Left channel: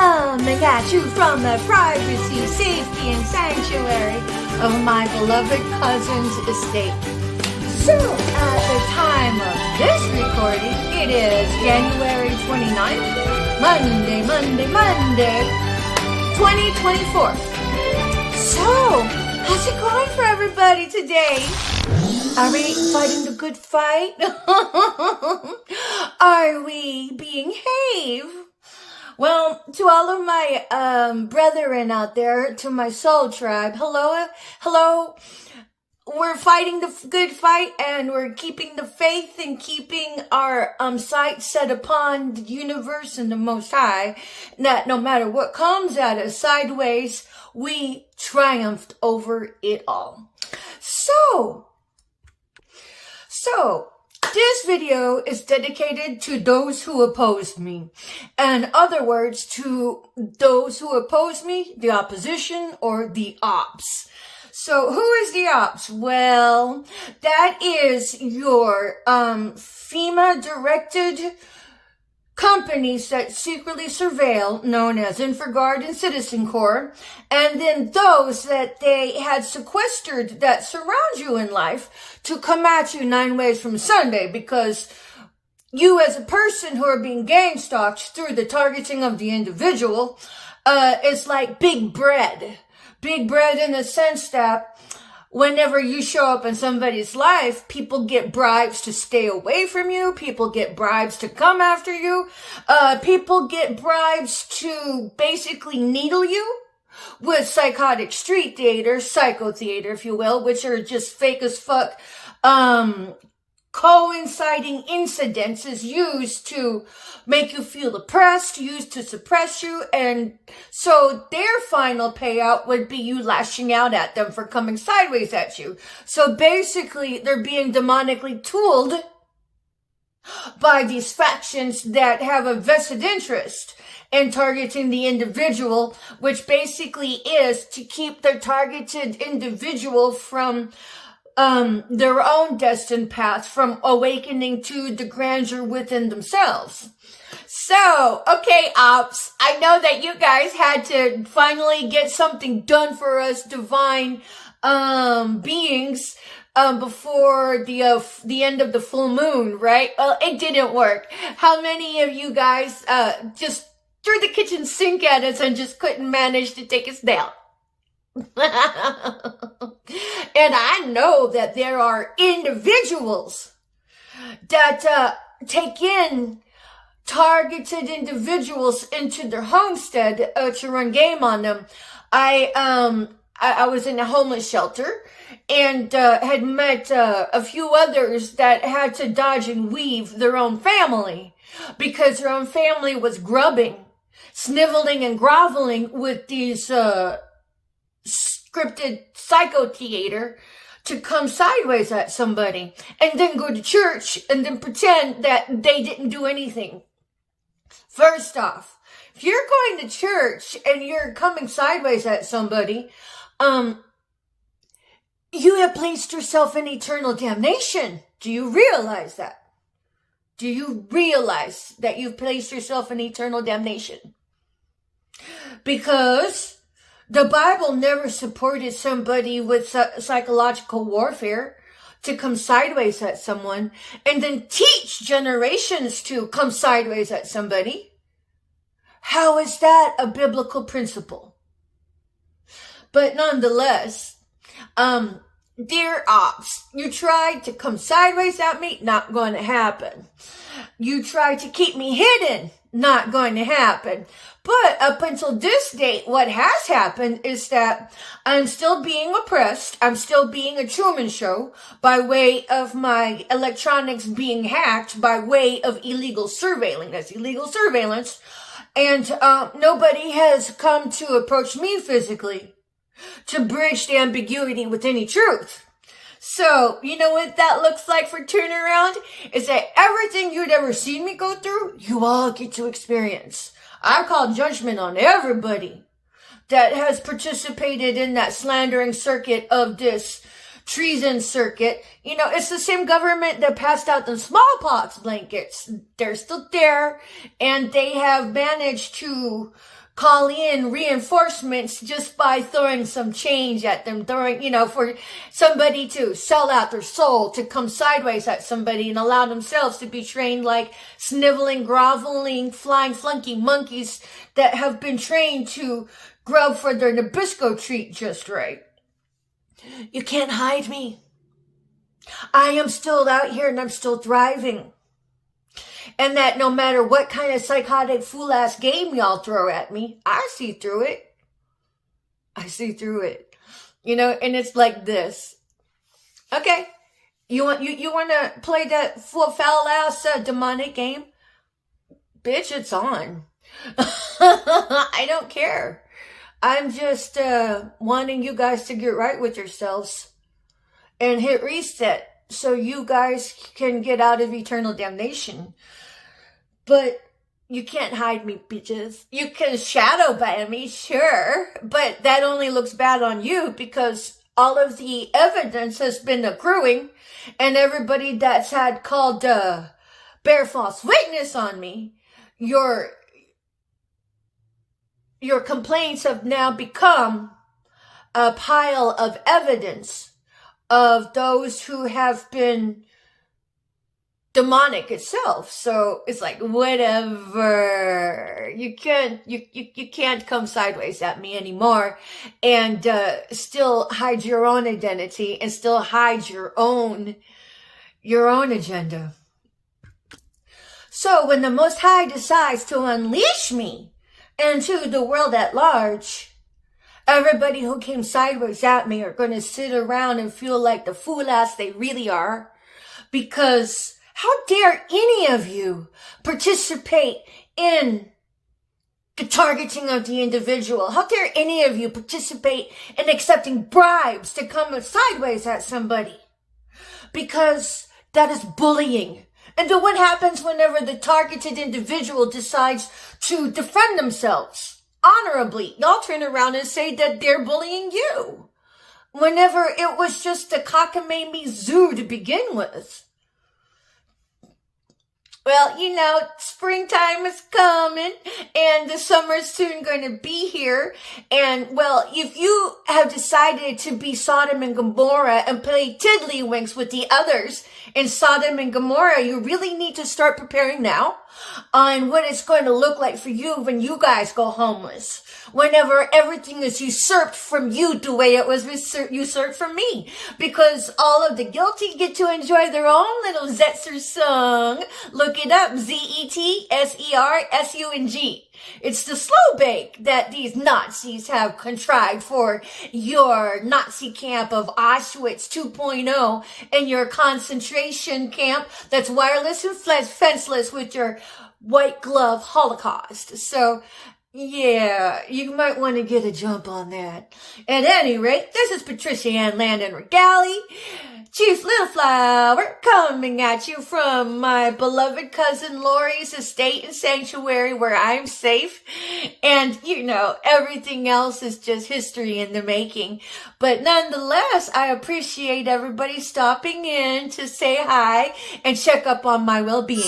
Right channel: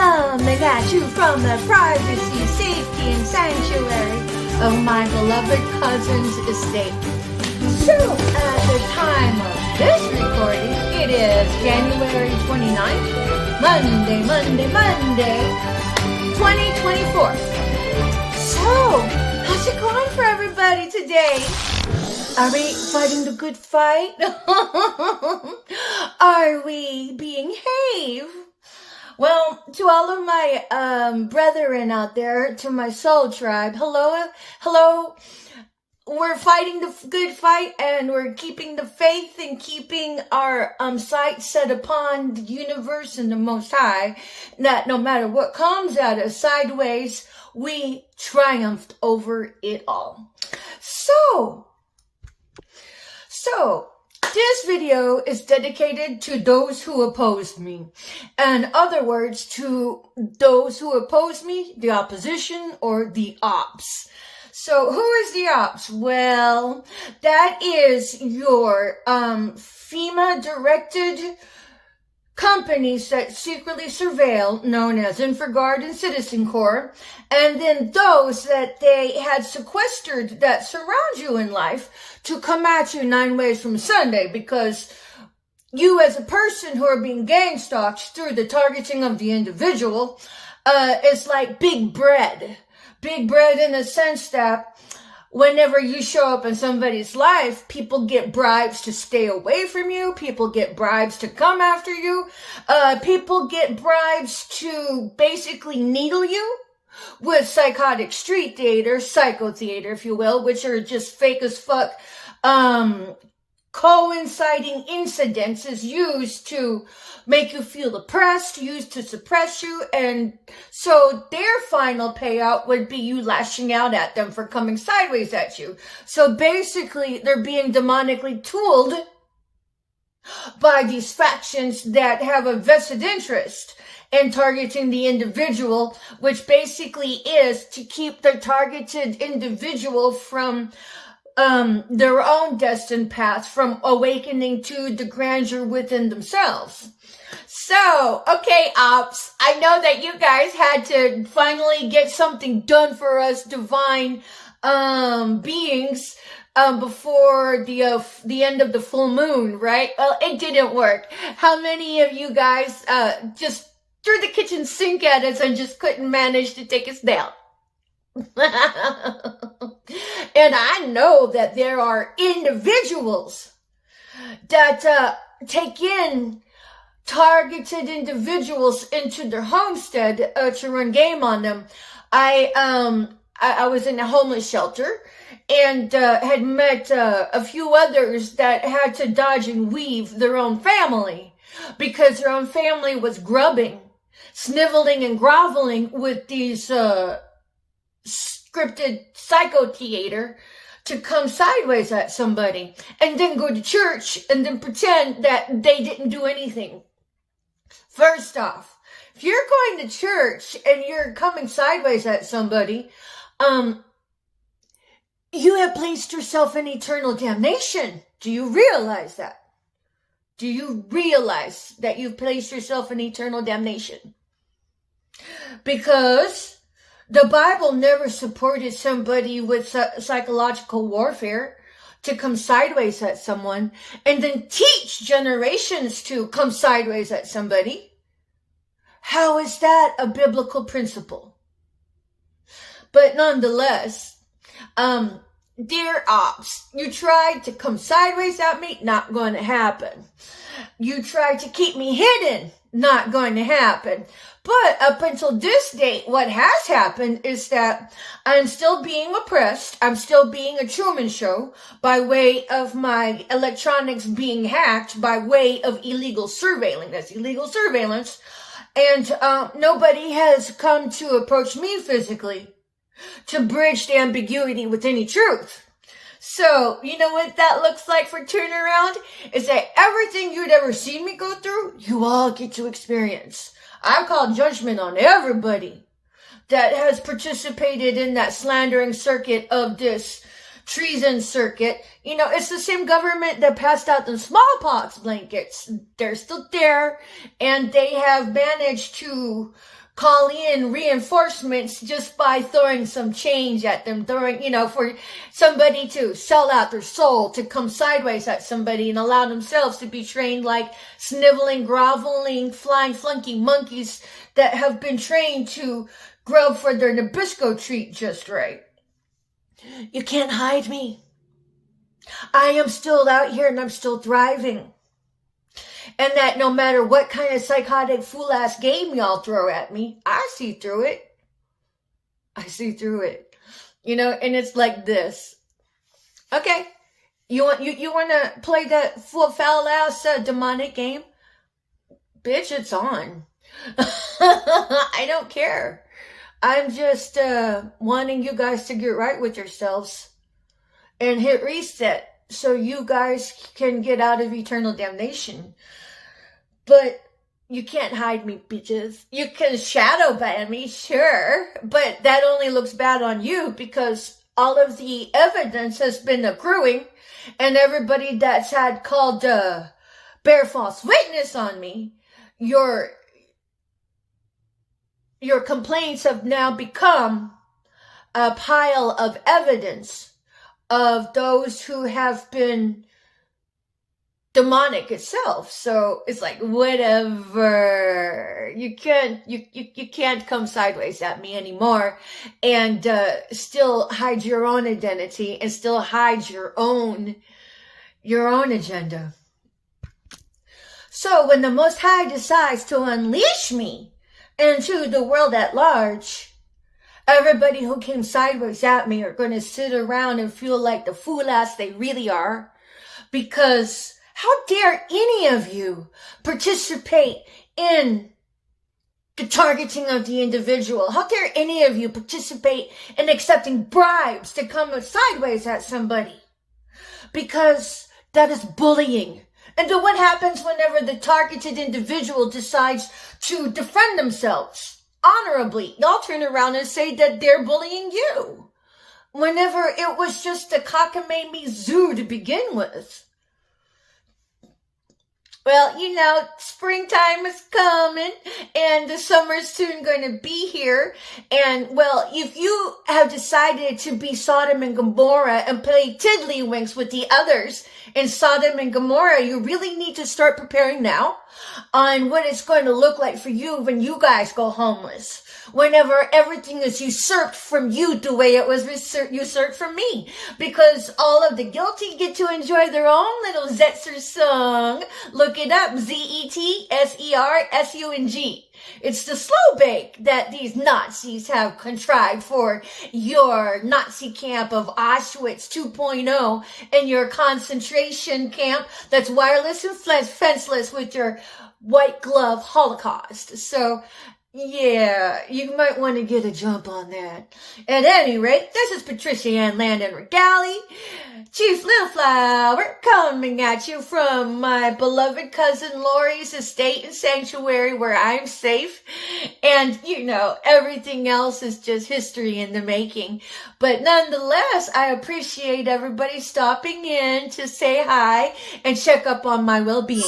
Coming at you from the privacy, safety, and sanctuary of my beloved cousin's estate. So, at the time of this recording, it is January 29th, Monday, 2024. So, how's it going for everybody today? Are we fighting the good fight? Are we being behave? Well, to all of my brethren out there, to my soul tribe, hello. We're fighting the good fight, and we're keeping the faith and keeping our sights set upon the universe and the Most High, that no matter what comes at us sideways, we triumphed over it all. So, this video is dedicated to those who opposed me. In other words, to those who opposed me, the opposition, or the OPPS. So, who is the OPPS? Well, that is your FEMA-directed companies that secretly surveil, known as InfraGard and Citizen Corps, and then those that they had sequestered that surround you in life to come at you 9 ways from Sunday, because you as a person who are being gang stalked through the targeting of the individual is like big bread. Big bread in the sense that whenever you show up in somebody's life, people get bribes to stay away from you. People get bribes to come after you. People get bribes to basically needle you with psychotic street theater, psycho theater, if you will, which are just fake as fuck, coinciding incidents is used to make you feel oppressed, used to suppress you, and so their final payout would be you lashing out at them for coming sideways at you. So basically, they're being demonically tooled by these factions that have a vested interest in targeting the individual, which basically is to keep the targeted individual from their own destined path, from awakening to the grandeur within themselves. So, okay, OPPS, I know that you guys had to finally get something done for us divine beings before the end of the full moon, right? Well, it didn't work. How many of you guys just threw the kitchen sink at us and just couldn't manage to take us down? And I know that there are individuals that take in targeted individuals into their homestead to run game on them. I was in a homeless shelter and had met a few others that had to dodge and weave their own family because their own family was grubbing, sniveling and groveling with these scripted psycho theater to come sideways at somebody and then go to church and then pretend that they didn't do anything. First off, if you're going to church and you're coming sideways at somebody, you have placed yourself in eternal damnation. Do you realize that? Do you realize that you've placed yourself in eternal damnation? Because the Bible never supported somebody with psychological warfare to come sideways at someone and then teach generations to come sideways at somebody. How is that a biblical principle? But nonetheless, dear OPPS, you tried to come sideways at me, not going to happen. You tried to keep me hidden, not going to happen. But up until this date, what has happened is that I'm still being oppressed. I'm still being a Truman Show by way of my electronics being hacked by way of illegal surveillance. That's illegal surveillance. And nobody has come to approach me physically to bridge the ambiguity with any truth. So, you know what that looks like for turnaround? Is that everything you'd ever seen me go through, you all get to experience. I've called judgment on everybody that has participated in that slandering circuit of this treason circuit. You know, it's the same government that passed out the smallpox blankets. They're still there, and they have managed to call in reinforcements just by throwing some change at them, for somebody to sell out their soul, to come sideways at somebody and allow themselves to be trained like sniveling, groveling, flying flunky monkeys that have been trained to grow for their Nabisco treat just right. You can't hide me. I am still out here and I'm still thriving. And that no matter what kind of psychotic fool-ass game y'all throw at me, I see through it. I see through it. And it's like this. Okay, you want to play that foul-ass demonic game? Bitch, it's on. I don't care. I'm just wanting you guys to get right with yourselves and hit reset so you guys can get out of eternal damnation. But you can't hide me, bitches. You can shadow ban me, sure, but that only looks bad on you because all of the evidence has been accruing, and everybody that's had called bear false witness on me, your complaints have now become a pile of evidence of those who have been demonic itself. So it's like, whatever. You can't come sideways at me anymore and still hide your own identity and still hide your own agenda. So when the Most High decides to unleash me into the world at large, everybody who came sideways at me are going to sit around and feel like the fool ass they really are, because how dare any of you participate in the targeting of the individual? How dare any of you participate in accepting bribes to come sideways at somebody? Because that is bullying. And then what happens whenever the targeted individual decides to defend themselves honorably? Y'all turn around and say that they're bullying you, whenever it was just a cockamamie zoo to begin with. Well, springtime is coming and the summer's soon going to be here. And, well, if you have decided to be Sodom and Gomorrah and play tiddlywinks with the others in Sodom and Gomorrah, you really need to start preparing now on what it's going to look like for you when you guys go homeless. Whenever everything is usurped from you the way it was usurped from me. Because all of the guilty get to enjoy their own little Zetzer song. Look it up, Zetsersung. It's the slow bake that these Nazis have contrived for your Nazi camp of Auschwitz 2.0 and your concentration camp that's wireless and fenceless with your white glove Holocaust. So, yeah, you might want to get a jump on that. At any rate, this is Patricia Ann Landon Regali, Chief Little Flower, coming at you from my beloved cousin Lori's estate and sanctuary where I'm safe. And, everything else is just history in the making. But nonetheless, I appreciate everybody stopping in to say hi and check up on my well-being.